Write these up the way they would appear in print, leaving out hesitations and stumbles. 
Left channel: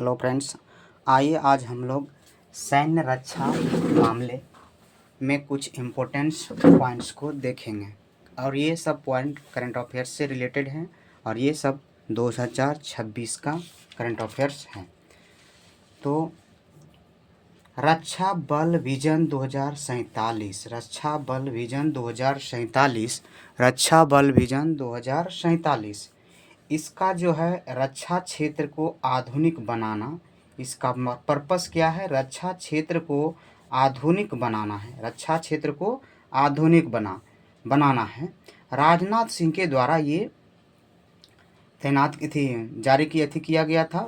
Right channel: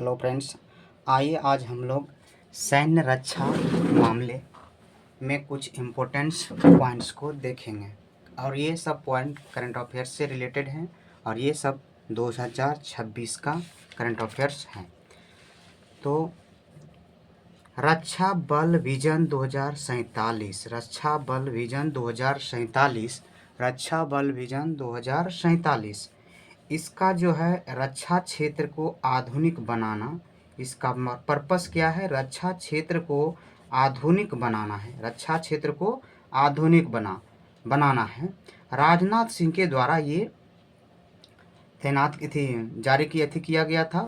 Hello friends, आइए आज हम लोग सैन्य रक्षा मामले में कुछ इम्पोर्टेंस पॉइंट्स को देखेंगे और ये सब पॉइंट करंट अफेयर्स से रिलेटेड हैं और ये सब 2026 का करंट अफेयर्स हैं। तो रक्षा बल विजन 2047, रक्षा बल विजन 2047, रक्षा बल विजन 2047, इसका जो है रक्षा क्षेत्र को आधुनिक बनाना, इसका पर्पस क्या है? रक्षा क्षेत्र को आधुनिक बनाना है, रक्षा क्षेत्र को आधुनिक बनाना है। राजनाथ सिंह के द्वारा ये तैनात जारी किया गया था,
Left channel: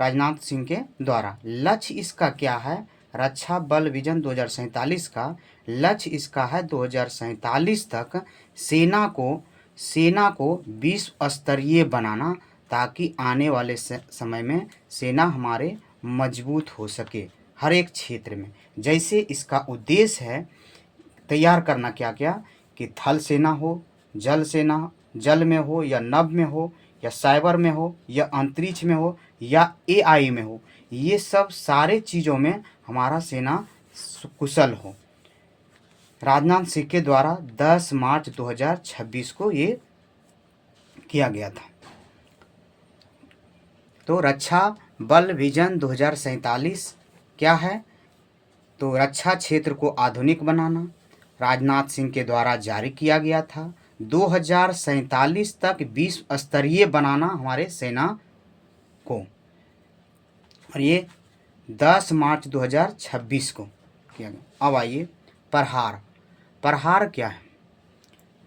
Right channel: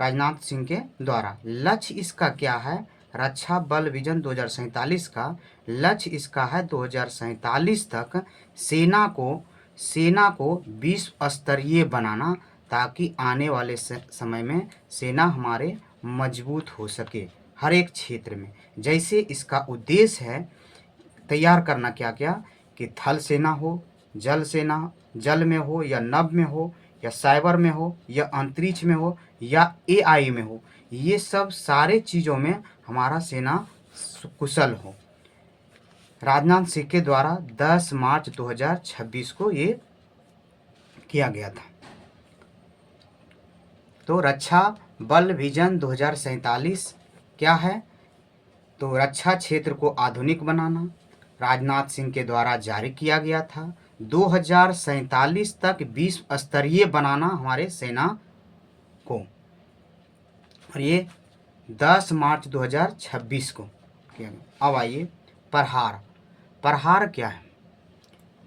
राजनाथ सिंह के द्वारा। लक्ष्य इसका क्या है? रक्षा बल विजन 2047 का लक्ष्य इसका है 2047 तक सेना को विश्व स्तरीय बनाना, ताकि आने वाले समय में सेना हमारे मजबूत हो सके हर एक क्षेत्र में। जैसे इसका उद्देश्य है तैयार करना क्या क्या कि थल सेना हो, जल सेना, जल में हो या नभ में हो या साइबर में हो या अंतरिक्ष में हो या एआई में हो, ये सब सारे चीज़ों में हमारा सेना कुशल हो। राजनाथ सिंह के द्वारा 10 मार्च 2026 को ये किया गया था। तो रक्षा बल विजन 2047 क्या है? तो रक्षा क्षेत्र को आधुनिक बनाना राजनाथ सिंह के द्वारा जारी किया गया था। 2047 तक विश्व स्तरीय बनाना हमारे सेना को, और ये 10 मार्च 2026 को किया गया। अब आइए प्रहार क्या है?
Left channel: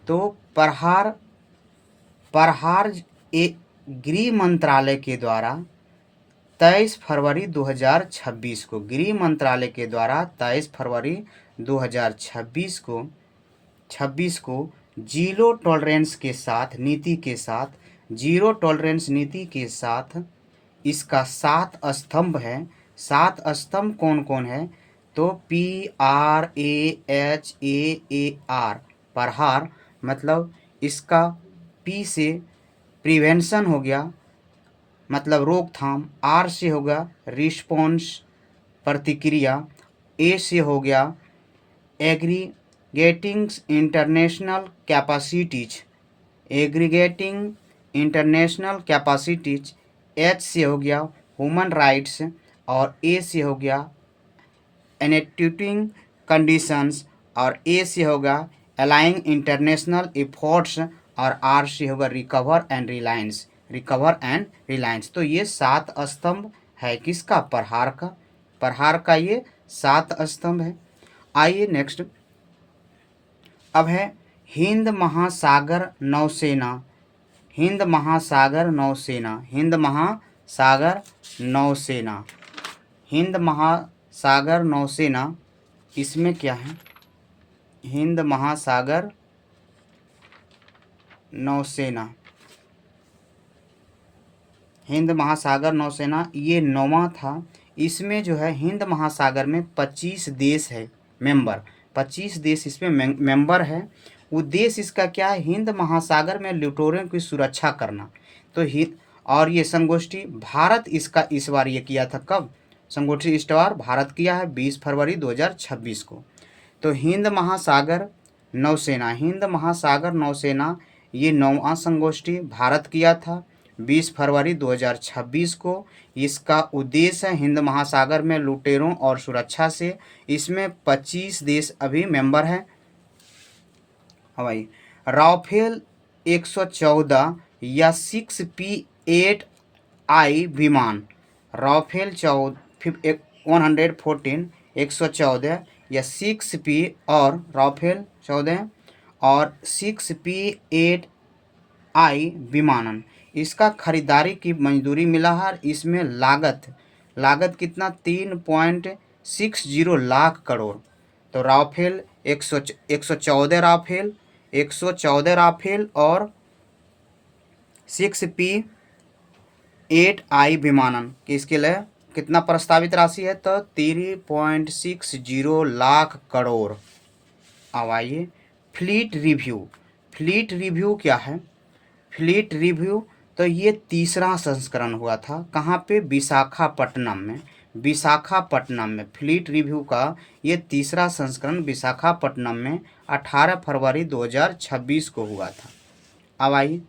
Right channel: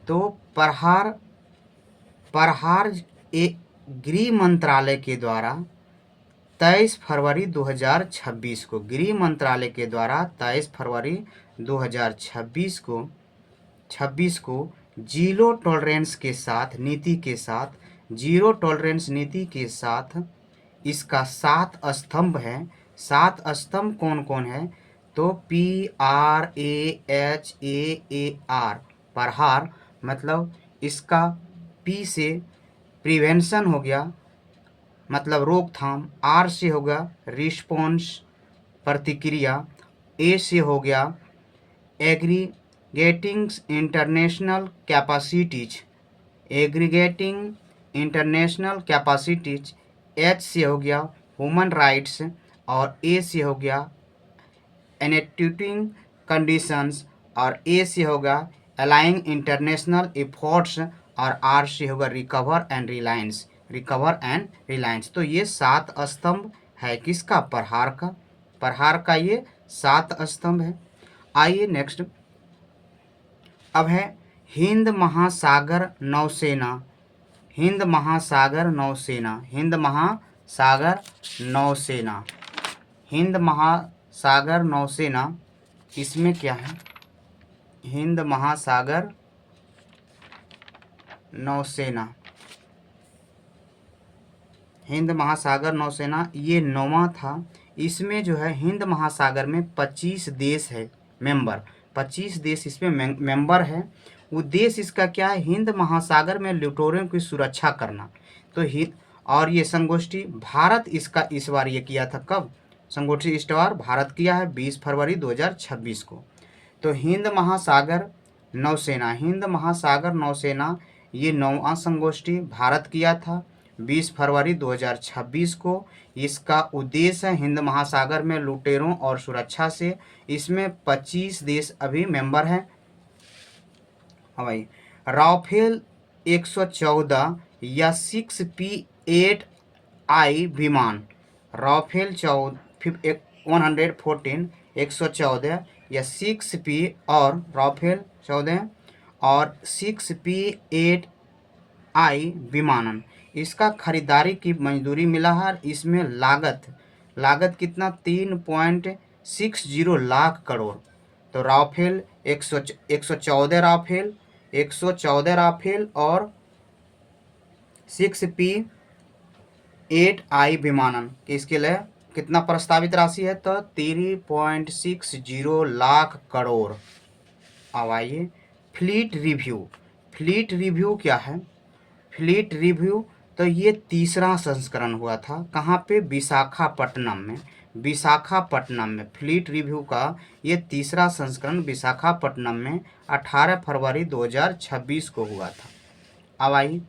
तो प्रहार गृह मंत्रालय के द्वारा 23 फरवरी 2026 को, गृह मंत्रालय के द्वारा 23 फरवरी 2026 को जीरो टॉलरेंस के साथ जीरो टॉलरेंस नीति के साथ इसका 7 स्तंभ है। 7 स्तंभ कौन कौन है? तो PRAHAAR, प्रहार मतलब इसका P से प्रिवेंशन हो गया, मतलब रोकथाम। R से होगा रिस्पॉन्स, प्रतिक्रिया। A से हो गया एग्रीगेटिंग इंटरनेशनल कैपेसिटीज। H से हो गया ह्यूमन राइट्स, और A से हो गया एनेक्टिंग कंडीशंस, और A से होगा अलाइंग इंटरनेशनल एफर्ट्स, और R से होगा रिकवर एंड रिलायंस। तो ये 7 स्तंभ है किसका? प्रहार का ये 7 स्तंभ है। आइए नेक्स्ट, अब है हिंद महासागर नौसेना। हिंद महासागर नौसेना, इसमें क्या है? हिंद महासागर नौसेना ये 9वां था। इसमें जो है हिंद महासागर में 25 देश है मेंबर, 25 देश इसमें मेंबर है। उद्देश्य इसका क्या है? हिंद महासागर में लुटेरों की सुरक्षा करना। तो और ये संगोष्ठी भारत इसका इस बार ये किया था। कब संगोष्ठी इस बार भारत किया है? 20 फरवरी 2026 को। तो हिंद महासागर नौसेना ये 9वां संगोष्ठी भारत किया था 20 फरवरी 2026 को। इसका उद्देश्य है हिंद महासागर में लुटेरों और सुरक्षा से। इसमें 25 देश अभी मेंबर हैं। हवाई राफेल 114 या 6P8I विमान, राफेल 114 या 6P और राफेल 14 और 6P8I विमानन, इसका खरीदारी की मंजूरी मिला है। इसमें लागत कितना? 3.60 लाख करोड़। तो राफेल 114 राफेल और 6P8I विमानन, इसके लिए कितना प्रस्तावित राशि है? तो 3.60 लाख करोड़। अब आइए फ्लीट रिव्यू क्या है? फ्लीट रिव्यू तो ये तीसरा संस्करण हुआ था। कहाँ पे? विशाखापट्टनम में। विशाखापट्टनम में फ्लीट रिव्यू का ये तीसरा संस्करण विशाखापट्टनम में 18 फरवरी 2026 को हुआ था। अब आइए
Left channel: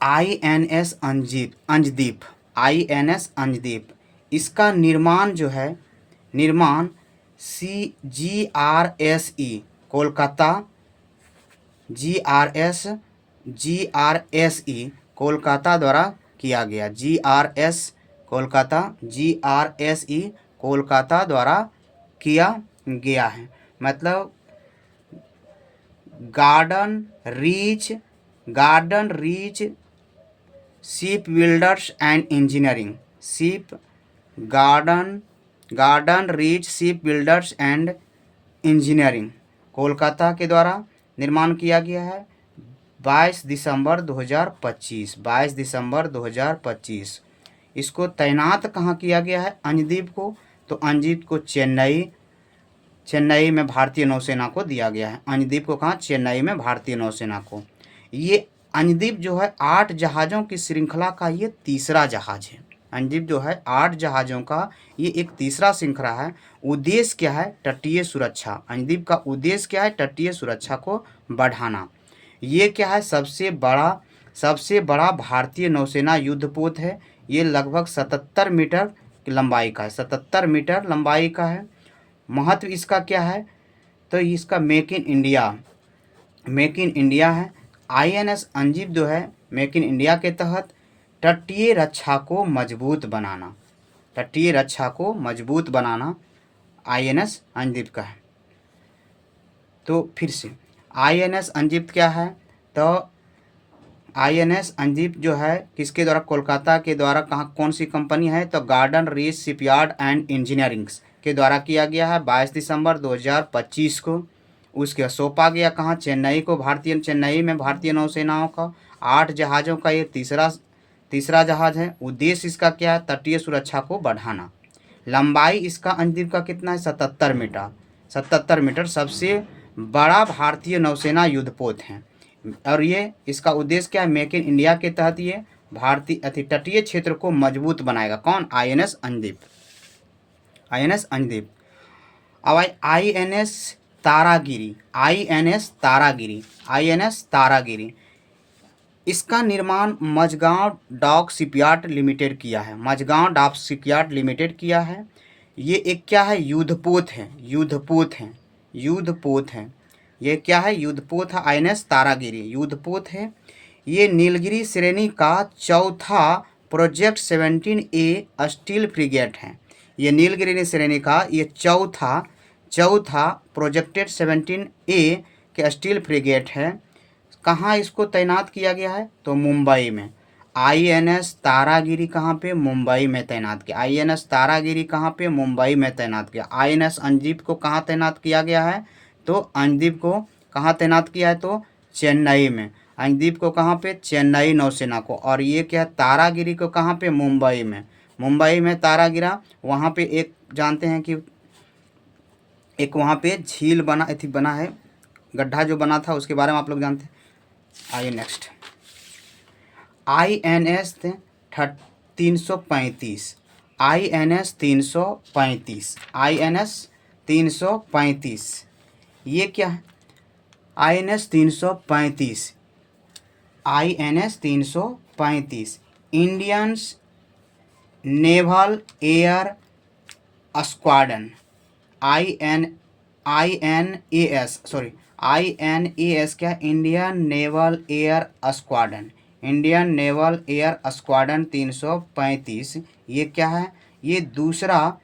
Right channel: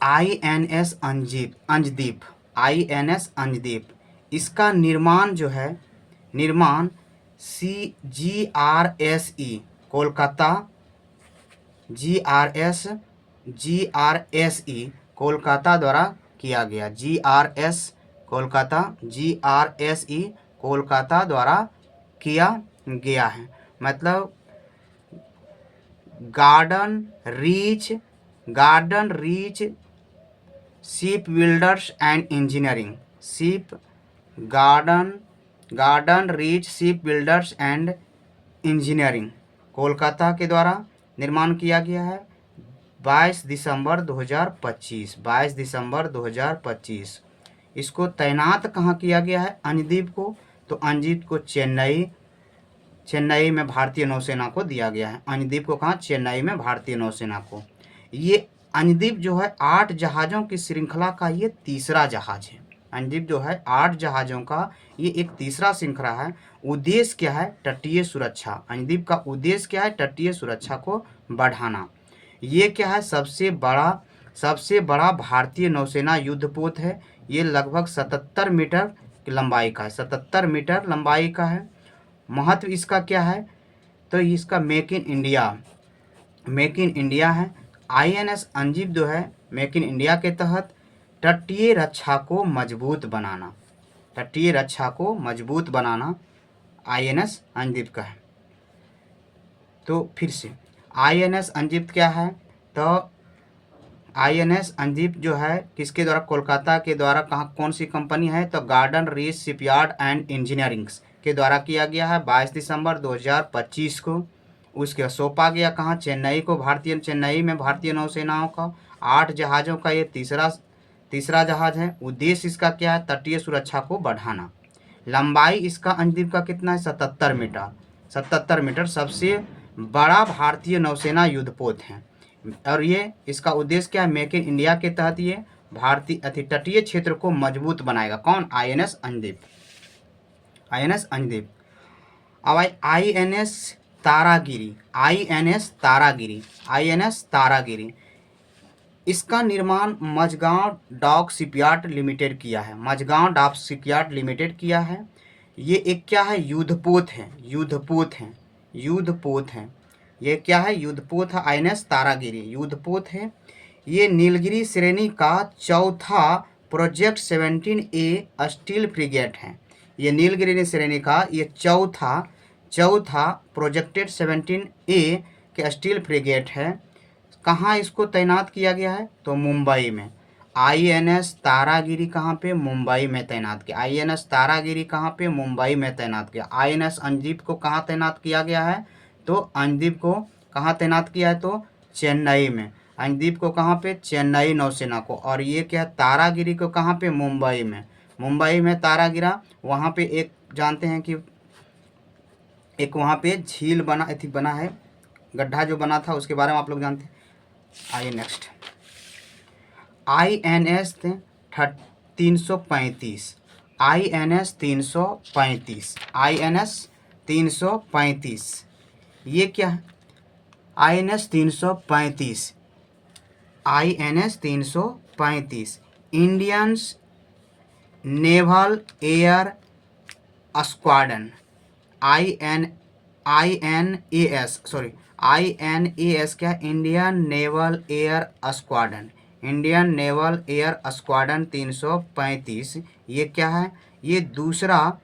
INS अंजदीप। INS अंजदीप, इसका निर्माण जो है, निर्माण GRSE कोलकाता, GRSE कोलकाता द्वारा किया गया। GRSE कोलकाता द्वारा किया गया है। मतलब garden reach ship builders and engineering, garden reach ship builders and engineering Kolkata के द्वारा निर्माण किया गया है। 22 दिसंबर 2025। इसको तैनात कहाँ किया गया है? अंजदीप को। तो अंजदीप को चेन्नई में भारतीय नौसेना को दिया गया है। अंजदीप को कहाँ? चेन्नई में भारतीय नौसेना को। ये अंजदीप जो है 8 जहाज़ों की श्रृंखला का ये तीसरा जहाज है। अंजदीप जो है 8 जहाज़ों का ये एक तीसरा श्रृंखला है। उद्देश्य क्या है? तटीय सुरक्षा। अंजदीप का उद्देश्य क्या है? तटीय सुरक्षा को बढ़ाना। ये क्या है? सबसे बड़ा भारतीय नौसेना युद्धपोत है। ये लगभग 77 मीटर की लंबाई का है। 77 मीटर लंबाई का है। महत्व इसका क्या है? तो इसका मेक इन इंडिया है। INS अंजदीप जो है मेक इन इंडिया के तहत तटीय रक्षा को मजबूत बनाना INS अंजदीप का है। तो फिर से INS अंजदीप क्या है? तो INS अंजदीप जो है किसके द्वारा? कोलकाता के द्वारा। कहाँ? कौन सी कंपनी है? तो garden reach shipyard and engineerings के द्वारा किया गया है 22 दिसंबर 2025 को। उसके सौंपा गया कहाँ? चेन्नई में भारतीय नौसेनाओं का 8 जहाज़ों का ये तीसरा जहाज़ है। उद्देश्य इसका क्या है? तटीय सुरक्षा को बढ़ाना। लंबाई इसका अंजदीप का कितना है? 77 मीटर। सबसे बड़ा भारतीय नौसेना युद्धपोत है। और ये इसका उद्देश्य क्या है? मेक इन इंडिया के तहत ये भारतीय तटीय क्षेत्र को मजबूत बनाएगा। कौन? INS अंजदीप। अब INS तारागिरी, इसका निर्माण मझगांव डॉक शिपयार्ड लिमिटेड किया है। ये एक क्या है? युद्धपोत है। ये क्या है? युद्धपोत है। INS तारागिरी युद्धपोत है। ये नीलगिरी श्रेणी का चौथा प्रोजेक्ट 17A स्टील फ्रिगेट है। ये नीलगिरी श्रेणी का ये चौथा प्रोजेक्टेड 17A के स्टील फ्रिगेट है। कहाँ इसको तैनात किया गया है? तो मुंबई में। INS तारागिरी कहाँ पे? मुंबई में तैनात किया। INS तारागिरी कहाँ पे? मुंबई में तैनात किया। INS अंजदीप को कहाँ तैनात किया गया है? तो अंजदीप को कहाँ तैनात किया है? तो चेन्नई में। अंजदीप को कहाँ पे? चेन्नई नौसेना को। और ये क्या है? तारागिरी को कहाँ पे? मुंबई में तारागिरा। वहाँ पे एक जानते हैं कि एक वहाँ पे झील बना है, गड्ढा जो बना था उसके बारे में आप लोग जानते हैं। आइए नेक्स्ट INS 335। INS 335 ये क्या है? INS 335 Indian naval air squadron. INAS क्या? इंडियन नेवल एयर स्क्वाड्रन 335 ये क्या है? ये दूसरा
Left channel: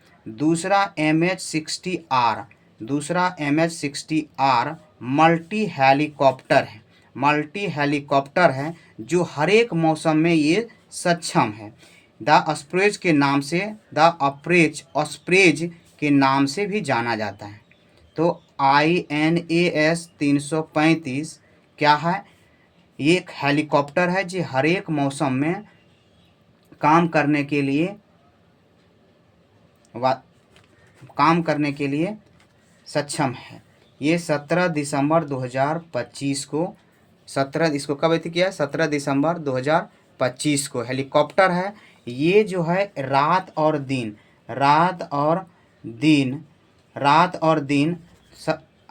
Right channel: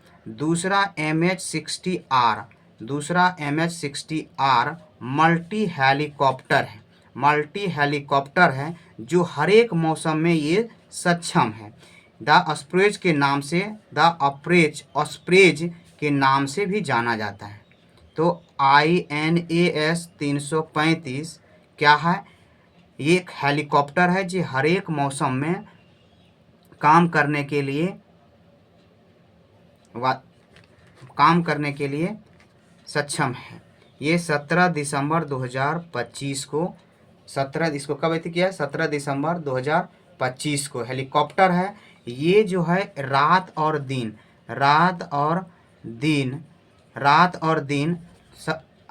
MH-60R मल्टी हेलीकॉप्टर है जो हर एक मौसम में ये सक्षम है। द ऑस्प्रेज के नाम से भी जाना जाता है। तो INAS 335 क्या है? ये एक हेलीकॉप्टर है जो हर एक मौसम में काम करने के लिए सक्षम है। ये 17 दिसंबर 2025 को 17 इसको कब अथी किया है? 17 दिसंबर 2025 को। हेलीकॉप्टर है ये जो है रात और दिन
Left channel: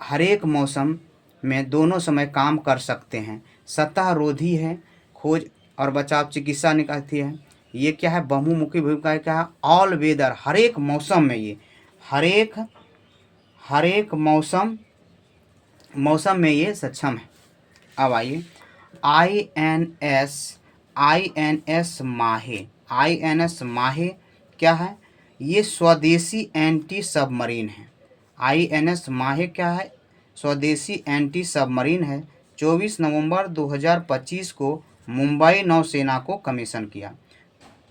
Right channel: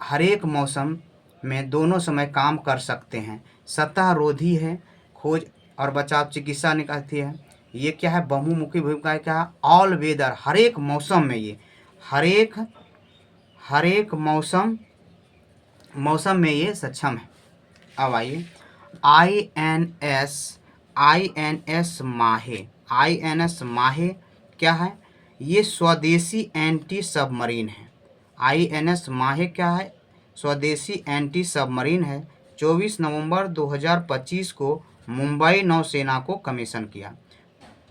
हर एक मौसम में दोनों समय काम कर सकते हैं। सतह रोधी है, खोज और बचाव चिकित्सा निकालती है। ये क्या है? बहुमुखी भूमिका है। क्या है? ऑल वेदर, हर एक मौसम में ये हर एक मौसम में ये सक्षम है। अब आइए INS माहे क्या है? ये स्वदेशी एंटी सबमरीन है। INS माहे क्या है? स्वदेशी एंटी सबमरीन है। 24 नवंबर 2025 को मुंबई नौसेना को कमीशन किया।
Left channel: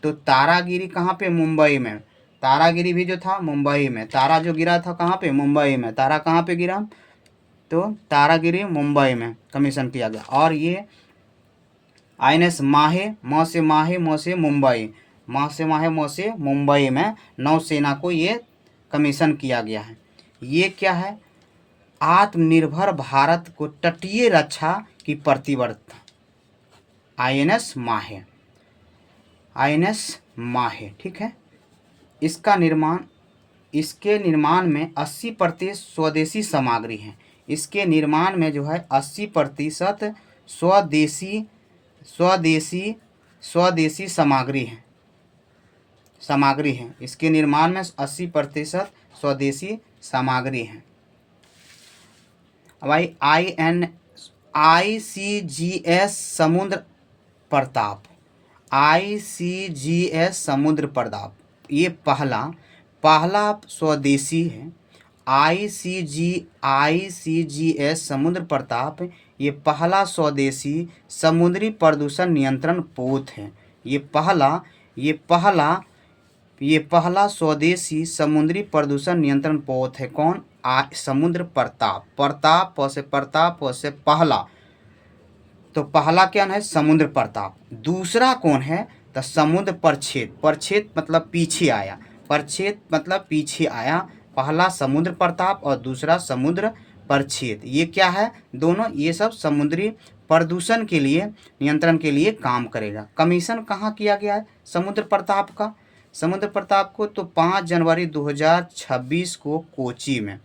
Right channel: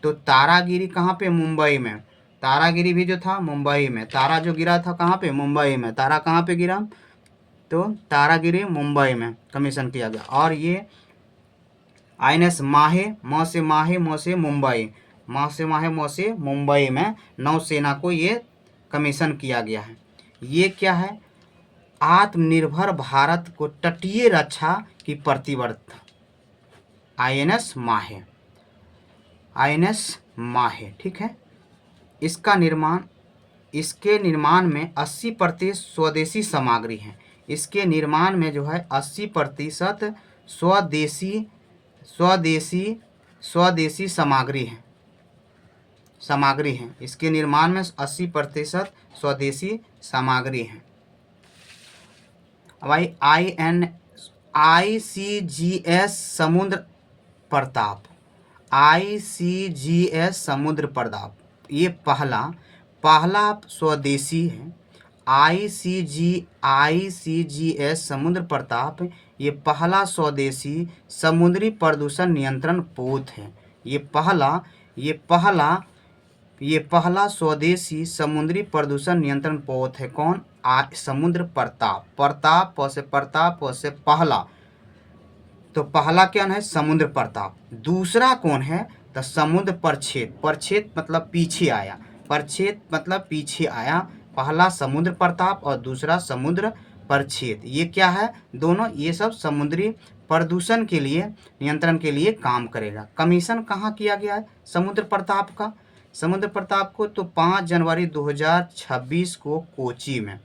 तो तारागिरी कहाँ पे? मुंबई में। तारागिरी भी जो था मुंबई में। तारा जो गिरा था कहाँ पे? मुंबई में। तारा कहाँ पे गिरा? तो तारागिरी मुंबई में कमीशन किया गया। और ये INS माहे, म से माहे, म से मुंबई, म से माहे, म से मुंबई में नौसेना को ये कमीशन किया गया है। ये क्या है? आत्मनिर्भर भारत को तटीय रक्षा की प्रतिबद्धता। INS माहे, ठीक है। इसके निर्माण में 80% स्वदेशी सामग्री है। इसके निर्माण में जो है 80% स्वदेशी सामग्री है। इसके निर्माण में 80% स्वदेशी सामग्री है। अब ICGS समुद्र प्रताप ये पहला स्वदेशी है। ICGS समुद्र प्रताप ये पहला स्वदेशी समुद्री प्रदूषण नियंत्रण पोत है। ये पहला स्वदेशी समुद्री प्रदूषण नियंत्रण पोत है। कौन? समुद्र प्रताप। प्रताप से पहला, तो पहला क्या है? समुद्र प्रताप। दूसरा कौन है? तो समुद्र प्रच्छेद मतलब पीछे आया। पहला समुद्र प्रताप और दूसरा समुद्र प्रच्छेद। ये क्या है? दोनों ये सब समुद्री प्रदूषण के लिए नियंत्रण के लिए काम करेगा। कमीशन कहाँ किया गया है समुद्र प्रताप का? समुद्र प्रताप को तो 5 जनवरी 2026 को कोची में।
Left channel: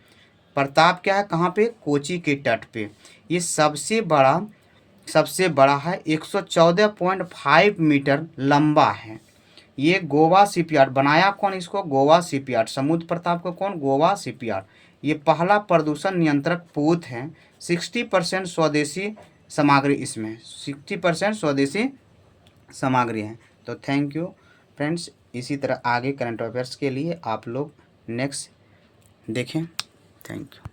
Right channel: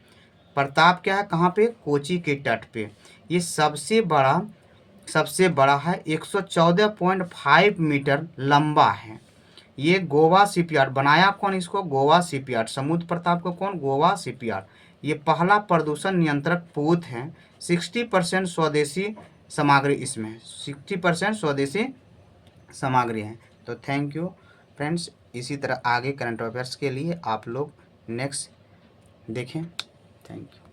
प्रताप क्या है? कहाँ पे? कोची के तट पे। ये सबसे बड़ा है। 114.5 मीटर लंबा है। ये गोवा शिपयार्ड बनाया। कौन इसको? गोवा शिपयार्ड। समुद्र प्रताप को कौन? गोवा शिपयार्ड। ये पहला प्रदूषण नियंत्रक पोत है। 60% स्वदेशी सामग्री इसमें 60% स्वदेशी सामग्री है। तो थैंक यू फ्रेंड्स। इसी तरह आगे करंट अफेयर्स के लिए आप लोग नेक्स्ट देखें। Thank you.